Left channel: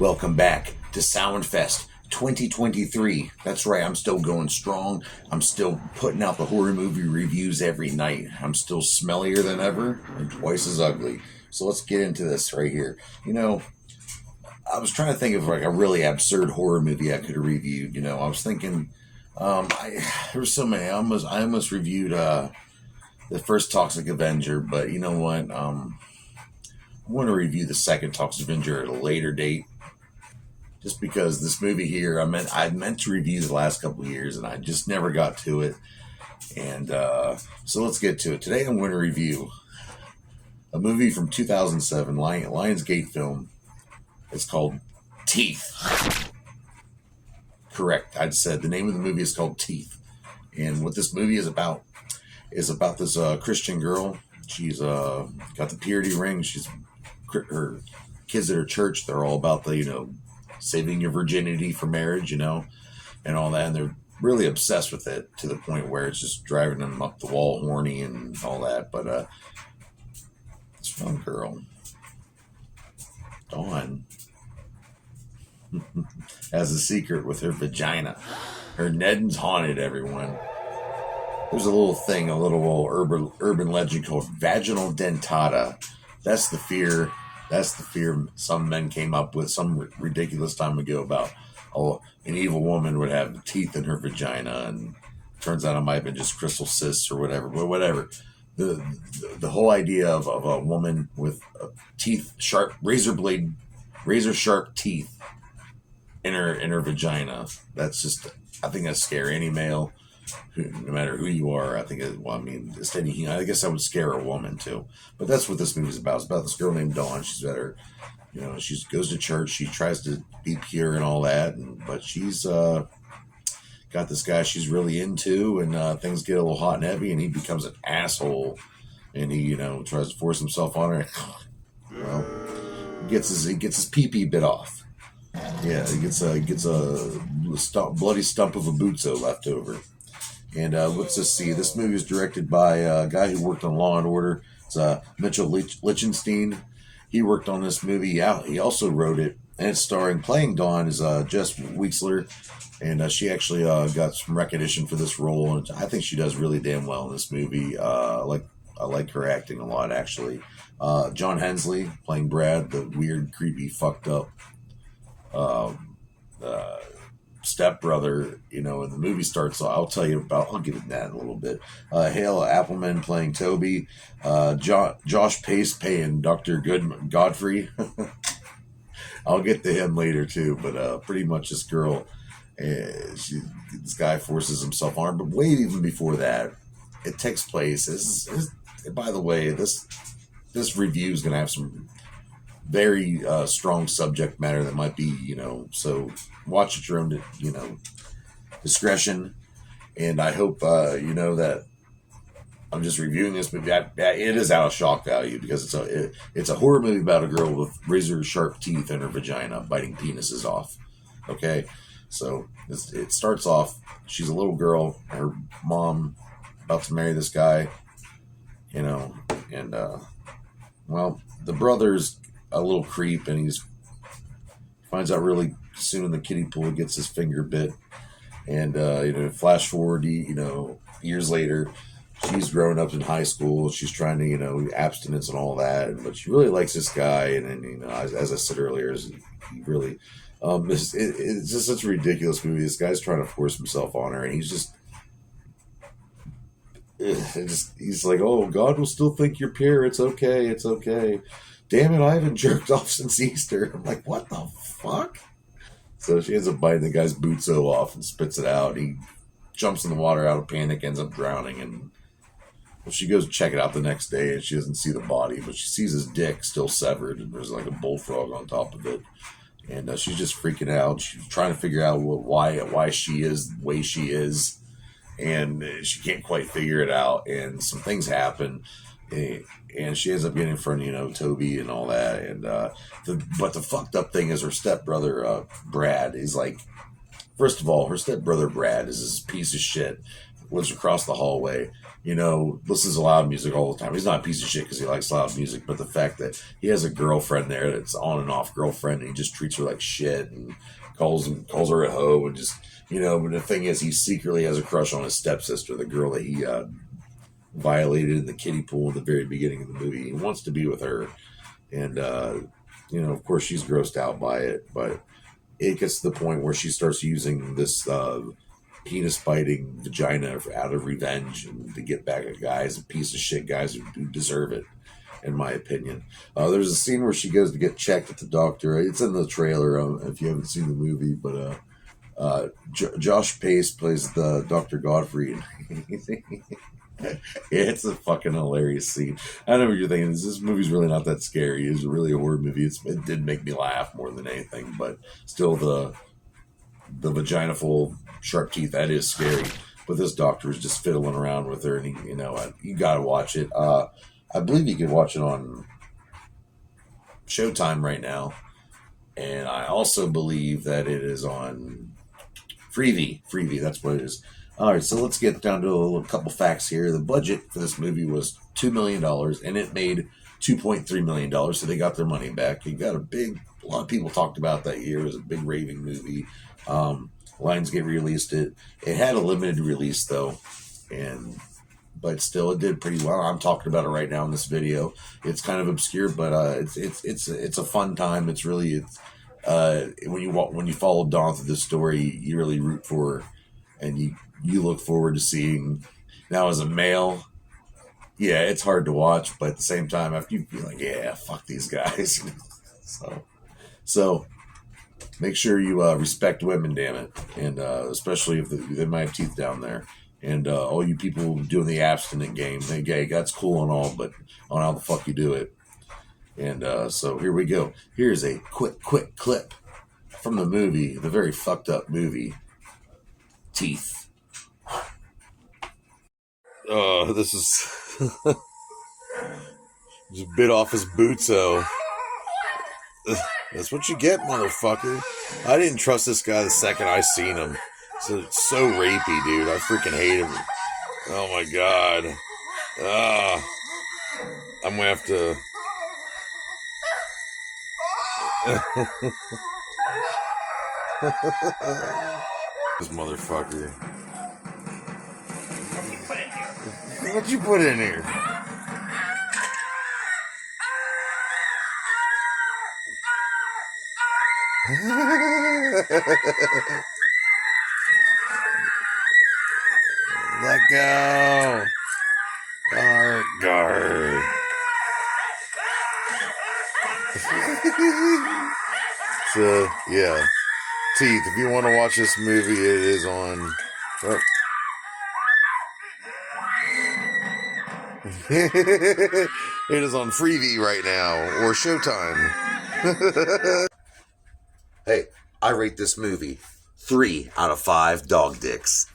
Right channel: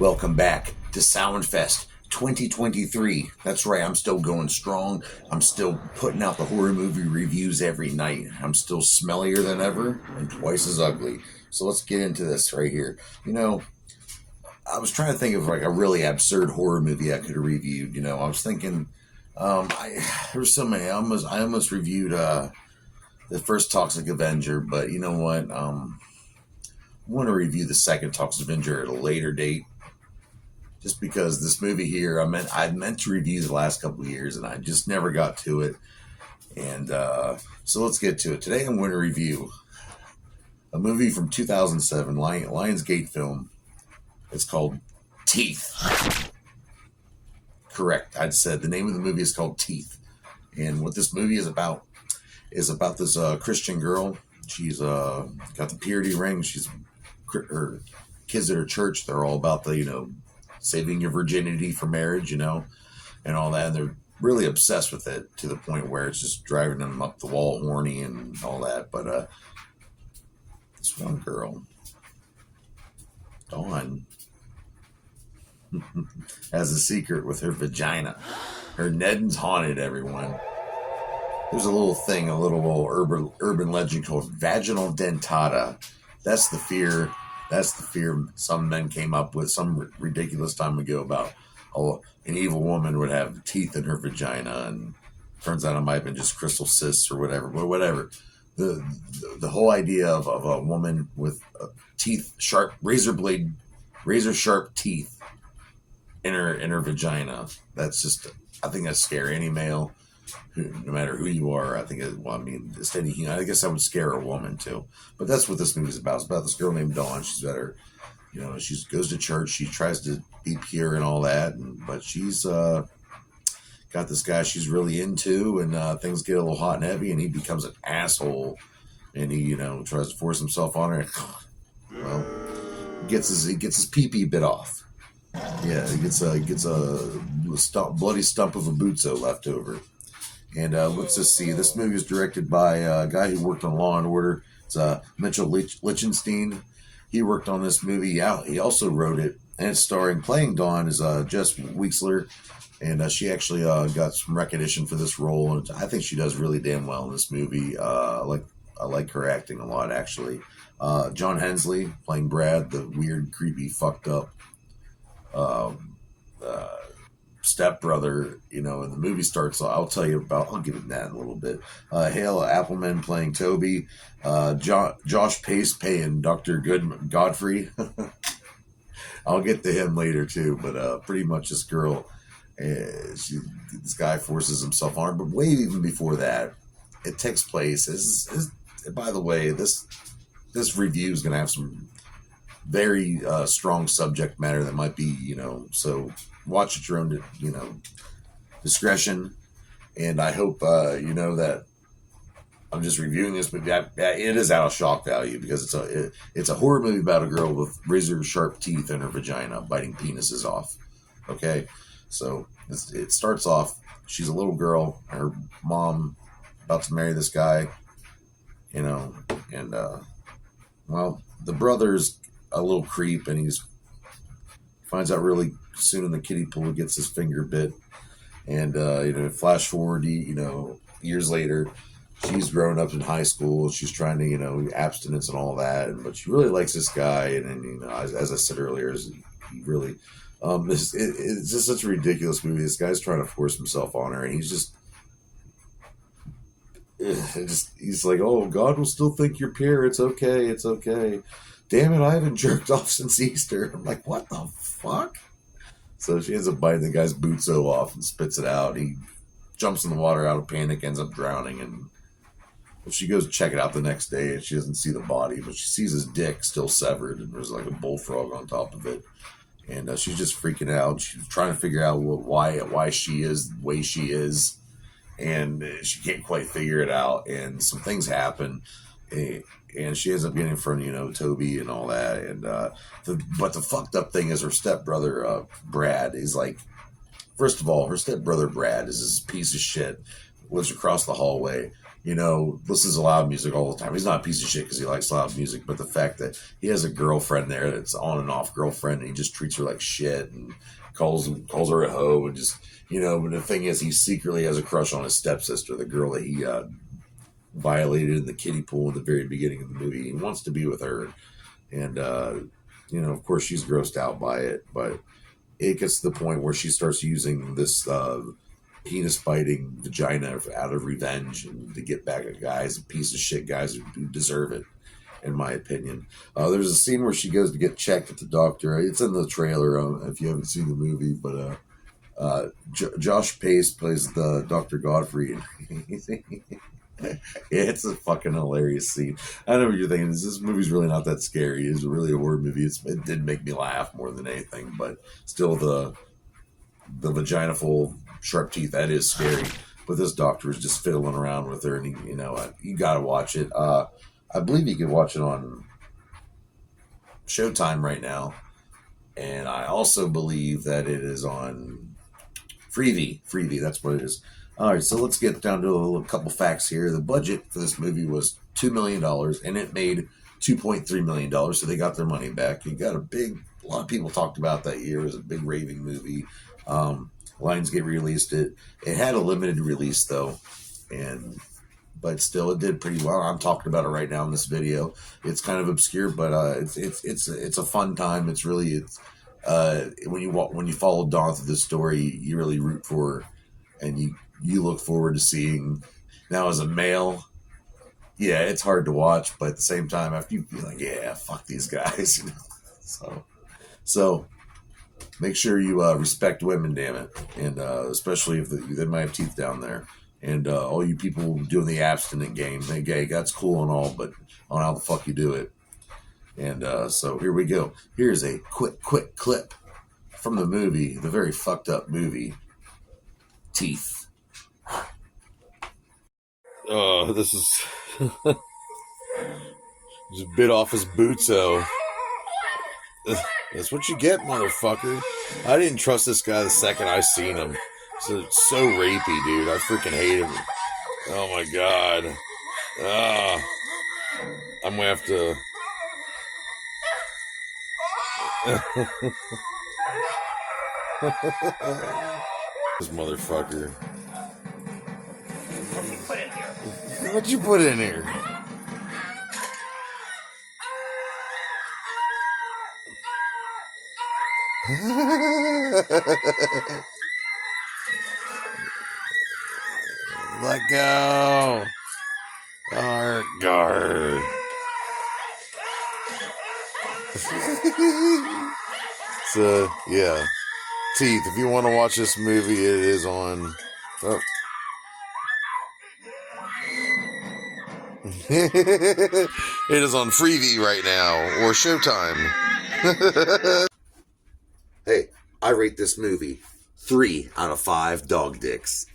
Welcome back to Samhain Fest 2023. That's right, I'm still going strong. I'm still putting out the horror movie reviews every night. I'm still smellier than ever and twice as ugly. So let's get into this right here. You know, I was trying to think of like a really absurd horror movie I could have reviewed. You know, I was thinking, there's so many. I almost reviewed the first Toxic Avenger, but you know what? I want to review the second Toxic Avenger at a later date. Just because this movie here, I meant to review the last couple of years, and I just never got to it. And so let's get to it. Today I'm going to review a movie from 2007, Lionsgate film. It's called Teeth. Correct. I'd said the name of the movie is called Teeth. And what this movie is about this Christian girl. She's got the purity ring. Her kids at her church, they're all about the, saving your virginity for marriage, and all that. And they're really obsessed with it to the point where it's just driving them up the wall horny and all that. But this one girl, Dawn, has a secret with her vagina. Her Nedden's haunted, everyone. There's a little urban legend called Vaginal Dentata. That's the fear some men came up with some ridiculous time ago about, an evil woman would have teeth in her vagina, and turns out it might have been just crystal cysts or whatever. But whatever. The whole idea of a woman with razor sharp teeth in her vagina. That's just, I think that's scary. Any male, no matter who you are, I guess I would scare a woman too. But that's what this movie is about. It's about this girl named Dawn. She's got her, she goes to church. She tries to be pure and all that, but she's got this guy she's really into, and things get a little hot and heavy, and he becomes an asshole, and he, tries to force himself on her. Well, he gets his pee-pee bit off. Yeah, he gets a bloody stump of a bootso left over. And let's just see. This movie is directed by a guy who worked on Law and Order. It's Mitchell Litchenstein. He worked on this movie. Yeah, he also wrote it. And it's playing Dawn is Jess Weixler. And she actually got some recognition for this role. And I think she does really damn well in this movie. I like her acting a lot, actually. John Hensley playing Brad, the weird, creepy, fucked up stepbrother, and the movie starts. I'll get into that in a little bit. Hale Appleman playing Toby, Josh Pace playing Dr. Godfrey. I'll get to him later too, but pretty much this girl, this guy forces himself on her. But way even before that, it takes place. By the way, this review is going to have some very strong subject matter that might be, so watch at your own, discretion. And I hope, that I'm just reviewing this movie. It is out of shock value because it's a horror movie about a girl with razor sharp teeth in her vagina biting penises off. Okay, so it starts off. She's a little girl. Her mom about to marry this guy, and the brother's a little creep, and he's finds out really soon the kiddie pool gets his finger bit, and flash forward, years later, she's growing up in high school. She's trying to abstinence and all that, but she really likes this guy, and as I said earlier, he really it's just such a ridiculous movie. This guy's trying to force himself on her, and he's like, oh, God will still think you're pure. It's okay. Damn it, I haven't jerked off since Easter. I'm like, what the fuck? So she ends up biting the guy's bootso off and spits it out. He jumps in the water out of panic, ends up drowning. And she goes to check it out the next day, and she doesn't see the body, but she sees his dick still severed, and there's like a bullfrog on top of it. And she's just freaking out. She's trying to figure out why she is the way she is, and she can't quite figure it out. And some things happen. And she ends up getting in front of, Toby and all that. And but the fucked up thing is her stepbrother, Brad, is like, first of all, her stepbrother, Brad, is this piece of shit, lives across the hallway. listens to loud music all the time. He's not a piece of shit because he likes loud music, but the fact that he has a girlfriend there that's on and off girlfriend, and he just treats her like shit and calls her a hoe and just, but the thing is, he secretly has a crush on his stepsister, the girl that he violated in the kiddie pool at the very beginning of the movie. He wants to be with her, and of course she's grossed out by it, but it gets to the point where she starts using this penis biting vagina out of revenge and to get back at guys, piece of shit guys who deserve it, in my opinion. There's a scene where she goes to get checked at the doctor. It's in the trailer if you haven't seen the movie, but Josh Pace plays the Dr. Godfrey. It's a fucking hilarious scene. I know what you're thinking. This movie's really not that scary. It's really a horror movie. It did make me laugh more than anything, but still the vagina full sharp teeth, that is scary. But this doctor is just fiddling around with her, and you gotta watch it. I believe you can watch it on Showtime right now, and I also believe that it is on Freevee. That's what it is. All right, so let's get down to a couple facts here. The budget for this movie was $2 million, and it made $2.3 million, so they got their money back. It got a lot of people talked about that year. It was a big raving movie. Lionsgate released it. It had a limited release, though, but still, it did pretty well. I'm talking about it right now in this video. It's kind of obscure, but it's a fun time. It's really when you follow Dawn through the story, you really root for her, and you look forward to seeing. Now, as a male, yeah, it's hard to watch, but at the same time, after you feel like, yeah, fuck these guys, So make sure you respect women, damn it, and especially if they might have teeth down there. And all you people doing the abstinent game, hey, gay, that's cool and all, but on how the fuck you do it. And so here we go. Here's a quick clip from the movie, the very fucked up movie, Teeth. This is just bit off his bootso. That's what you get, motherfucker. I didn't trust this guy the second I seen him. So rapey, dude. I freaking hate him. Oh my god. I'm gonna have to. This motherfucker. What'd you put in here? Let go. Guard. So, yeah. Teeth, if you want to watch this movie, it is on. Oh. It is on Freevee right now, or Showtime. Hey, I rate this movie 3 out of 5 dog dicks.